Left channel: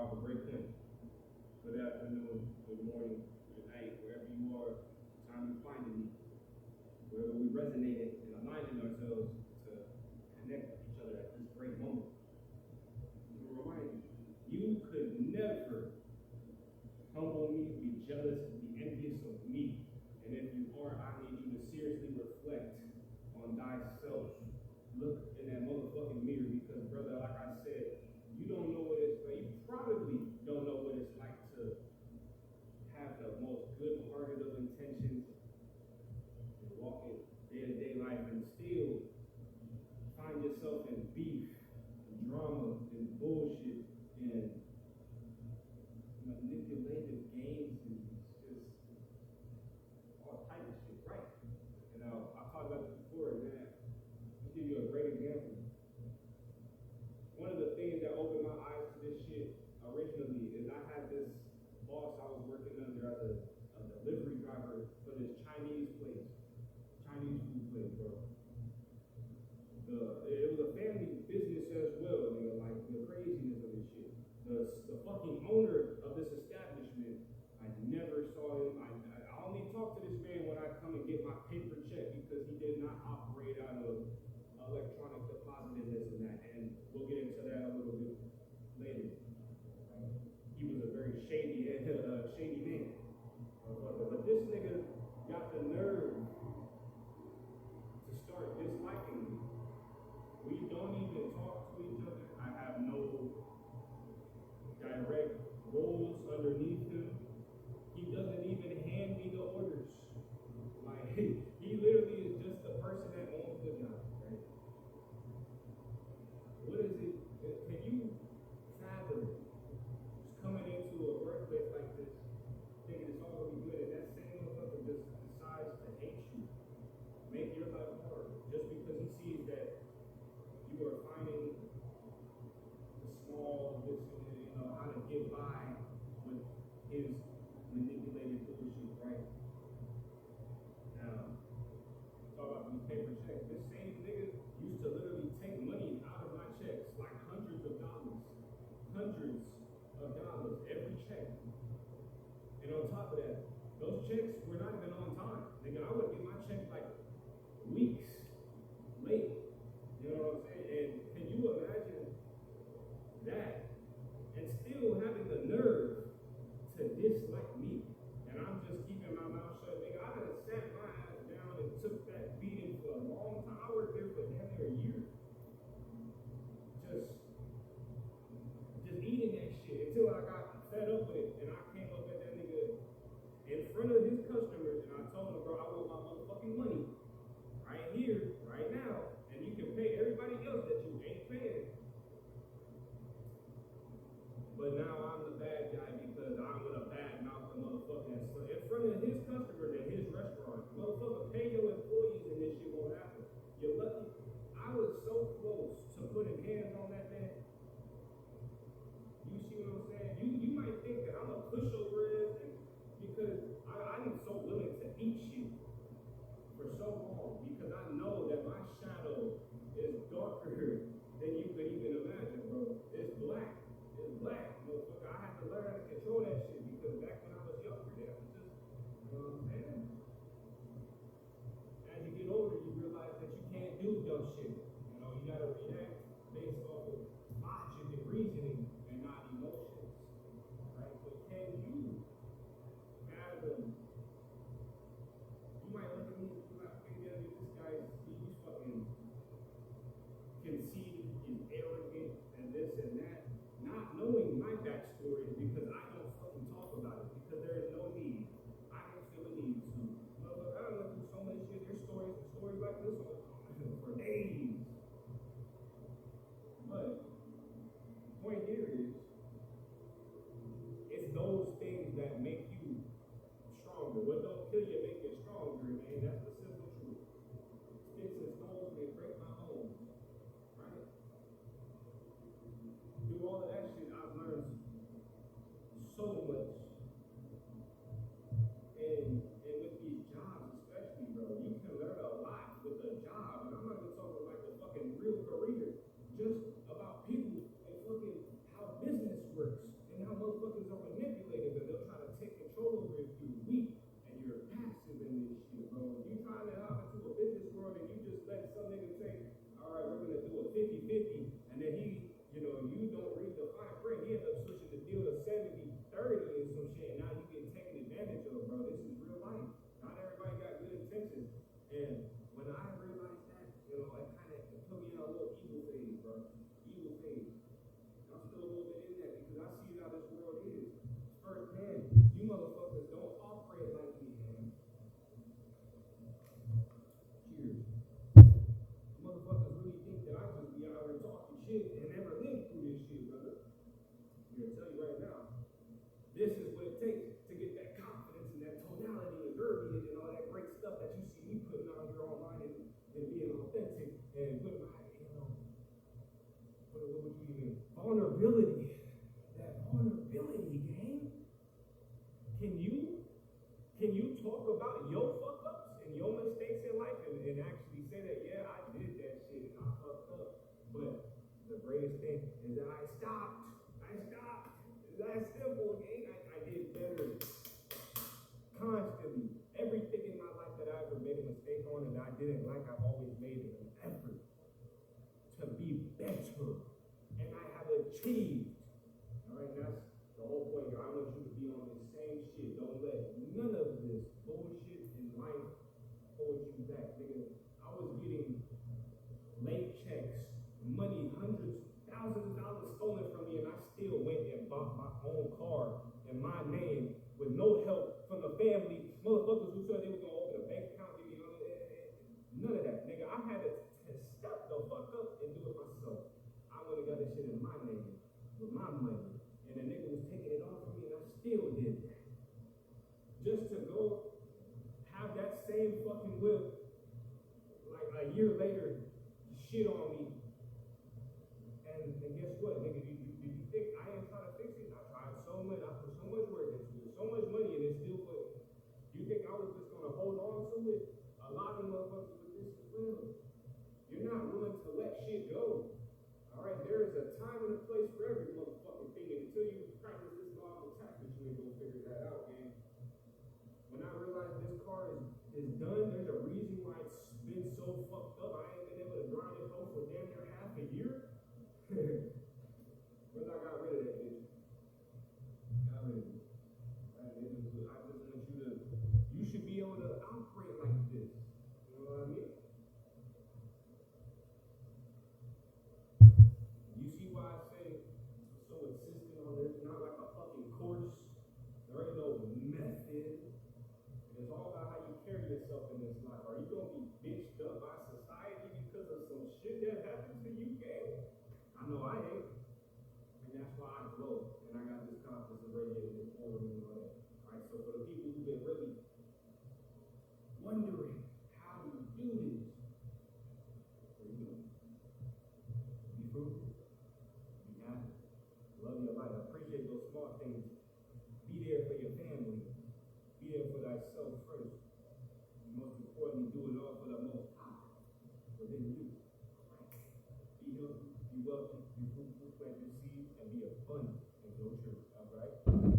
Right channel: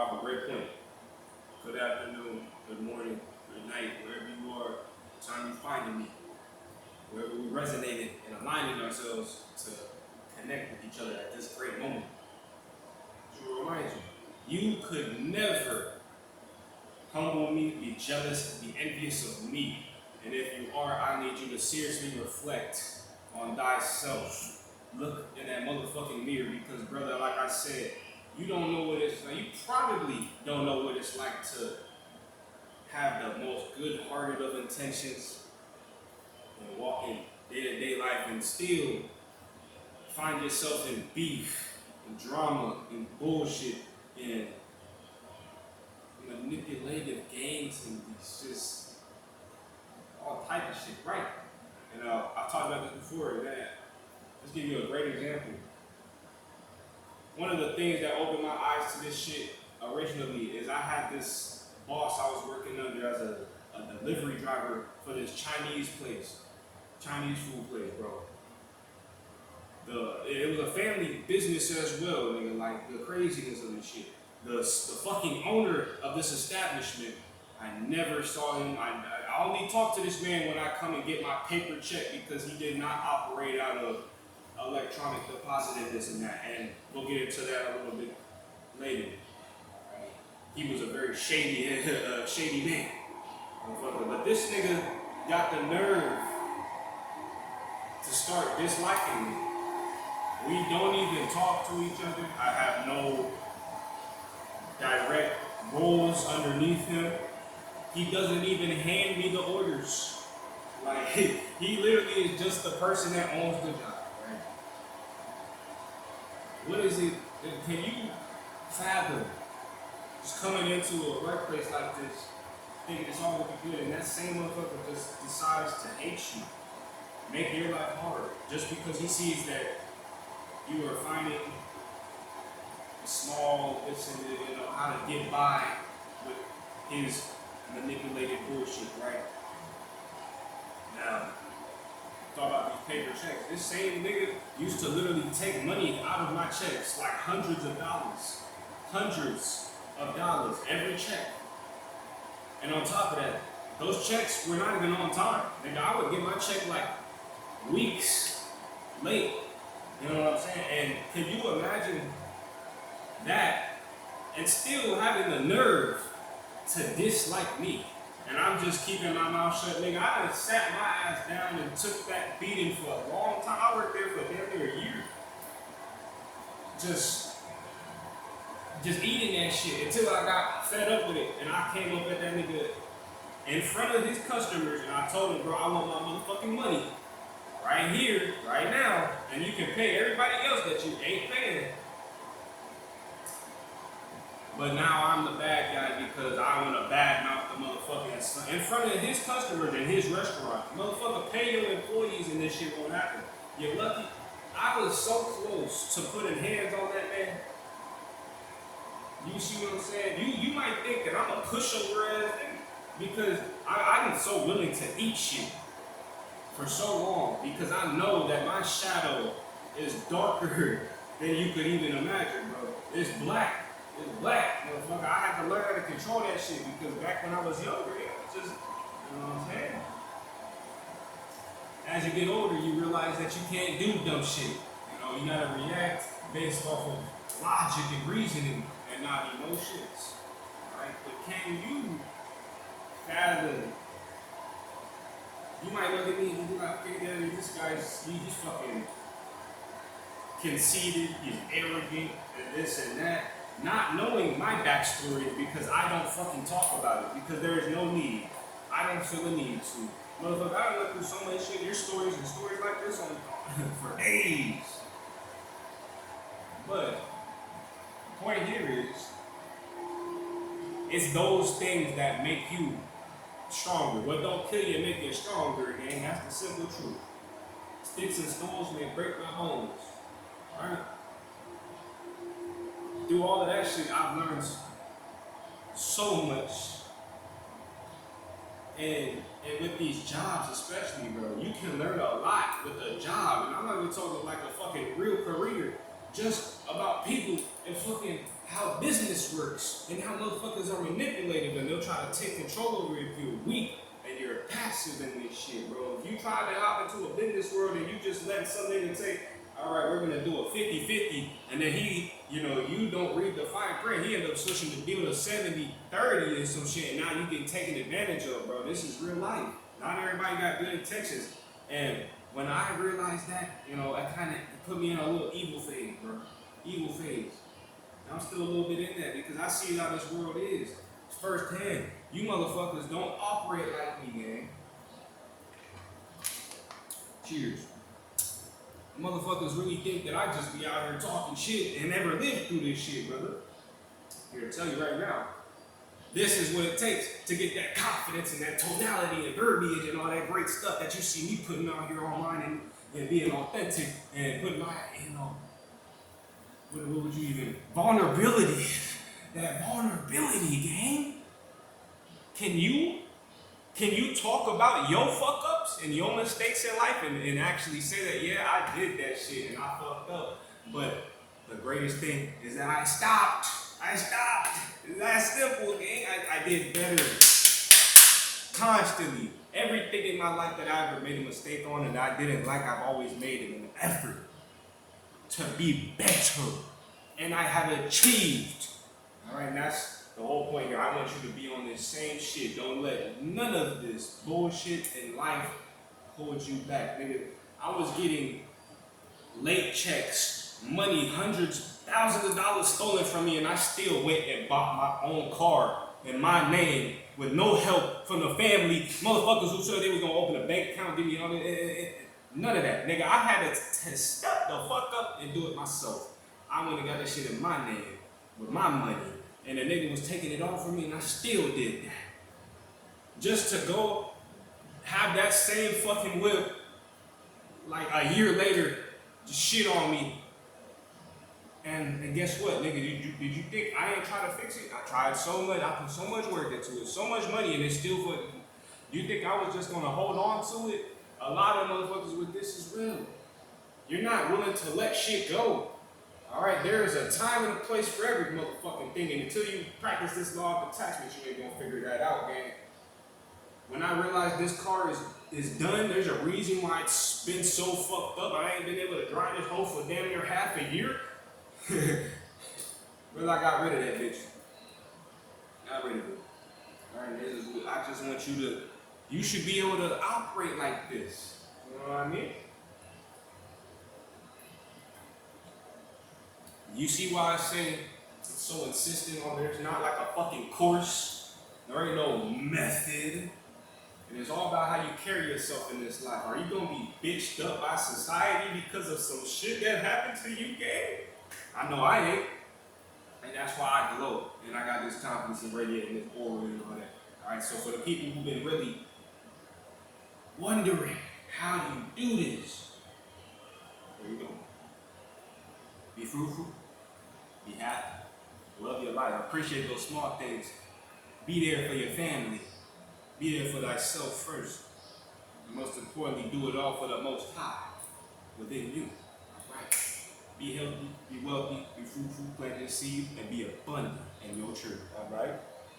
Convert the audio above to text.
brought up a great point. Good afternoon, good morning, good night, wherever you are, the time you finding me, wherever we resonated and aligning ourselves to connect with each other at this great moment. Just to remind you, you could never humble me, be jealous, and be envious of me. And if you are, I need you to seriously reflect on thyself. Look in that motherfucking mirror because, brother, like I said, you don't know what it's like. You probably don't know what it's like to have the most good-hearted of intentions and walk in day-to-day life and still find yourself in beef and drama and bullshit and manipulative games and it's just all type of shit, right? And I've talked about this before, man. Let's give you a great example. One of the things that opened my eyes to this shit originally is I had this boss I was working under as a delivery driver for this Chinese place, Chinese food place, bro. It was a family business as well, nigga. Like the craziness of this shit. The fucking owner of this establishment, I never saw him. I only talk to this man when I come and get my paper check because he did not operate out of electronic deposit and this and that. And we'll get into that a little bit later. He was a very shady, shady man. But this nigga got the nerve to start disliking me. We don't even talk to each other. I have no direct roles underneath him. He doesn't even hand me the orders. Like, he literally is just the person that owns the job, right? What is it? Can you fathom just coming into a workplace like this, thinking it's all looking good, and that same motherfucker just decides to hate you, make your life harder, just because he sees that you are finding small bits and how to get by with his manipulated bullshit, right? Now, talk about these paper checks. This same nigga used to literally take money out of my checks, like hundreds of dollars every check. And on top of that, those checks were not even on time. Nigga, I would get my check like weeks late. You know what I'm saying? And can you imagine that and still having the nerve to dislike me? And I'm just keeping my mouth shut, nigga. I done sat my ass down and took that beating for a long time. I worked there for damn near a year. Just eating that shit until I got fed up with it. And I came up at that nigga in front of his customers and I told him, bro, I want my motherfucking money. Right here, right now, and you can pay everybody else that you ain't paying. But now I'm the bad guy because I want to badmouth the motherfucking in front of his customers in his restaurant. Motherfucker, pay your employees and this shit won't happen. You're lucky. I was so close to putting hands on that man. You see what I'm saying? You might think that I'm a pushover ass because I'm so willing to eat shit for so long because I know that my shadow is darker than you could even imagine, bro. It's black. It's black, motherfucker. I had to learn how to control that shit because back when I was younger, it was just, you know what I'm saying? As you get older, you realize that you can't do dumb shit. You know, you gotta react based off of logic and reasoning and not emotions, right? But can you fathom? You might look at me and be like, okay, yeah, this guy's, he's fucking conceited, he's arrogant, and this and that. Not knowing my backstory because I don't fucking talk about it, because there is no need. I don't feel the need to. Motherfucker, I went through so much shit, there's stories and stories like this on for days. But the point here is, it's those things that make you stronger. What don't kill you make you stronger, gang. That's the simple truth. Sticks and stones may break my bones. Alright? Through all of that shit, I've learned so much. And with these jobs especially, bro, you can learn a lot with a job. And I'm not even talking like a fucking real career, just about people and fucking how business business works and how motherfuckers are manipulative and they'll try to take control over you if you're weak and you're passive in this shit, bro. If you try to hop into a business world and you just let some nigga say, all right, we're gonna do a 50-50, and then you don't read the fine print. He ended up switching the deal to 70-30 and some shit, and now you get taken advantage of, bro. This is real life. Not everybody got good intentions. And when I realized that, it kind of put me in a little evil phase, bro. Evil phase. And I'm still a little bit in that because I see how this world is. Firsthand. You motherfuckers don't operate like me, gang. Cheers. Motherfuckers really think that I just be out here talking shit and never lived through this shit, brother. Here to tell you right now. This is what it takes to get that confidence and that tonality and verbiage and all that great stuff that you see me putting out here online and being authentic and putting my, what would you even, vulnerability. That vulnerability, gang. Can you talk about your fuck ups and your mistakes in life and actually say that, yeah, I did that shit and I fucked up. But the greatest thing is that I stopped. It's that simple, gang. I did better constantly. Everything in my life that I ever made a mistake on and I didn't like, I've always made an effort to be better. And I have achieved. All right, and that's the whole point here. I want you to be on this same shit. Don't let none of this bullshit in life hold you back. Nigga, I was getting late checks, money, hundreds, thousands of dollars stolen from me, and I still went and bought my own car in my name with no help from the family. Motherfuckers who said they was gonna open a bank account, give me all that. None of that. Nigga, I had to step the fuck up and do it myself. I went and got that shit in my name with my money. And the nigga was taking it all from me, and I still did that. Just to go have that same fucking whip, like a year later, just shit on me. And guess what, nigga? Did you think I ain't try to fix it? I tried so much. I put so much work into it, so much money, and it's still for. You think I was just gonna hold on to it? A lot of motherfuckers with this is real. You're not willing to let shit go. All right, there is a time and a place for every motherfucking thing, and until you practice this law of attachment, you ain't gonna figure that out, gang. When I realized this car is done, there's a reason why it's been so fucked up. I ain't been able to drive this hoe for damn near half a year. Well, I got rid of that bitch. Got rid of it. All right, I just want you should be able to operate like this. You know what I mean? You see why I say it's so insistent on there's not like a fucking course. There ain't no method. And it's all about how you carry yourself in this life. Are you gonna be bitched up by society because of some shit that happened to you, gang? I know I ain't. And that's why I glow. And I got this confidence in radiating this aura and all that. Alright, so for the people who've been really wondering how you do this, where you going? Be fruitful. Be happy. Love your life. Appreciate those small things. Be there for your family. Be there for thyself first. And most importantly, do it all for the Most High within you. All right. Be healthy, be wealthy, be fruitful, plant your seed, and be abundant in your church. All right.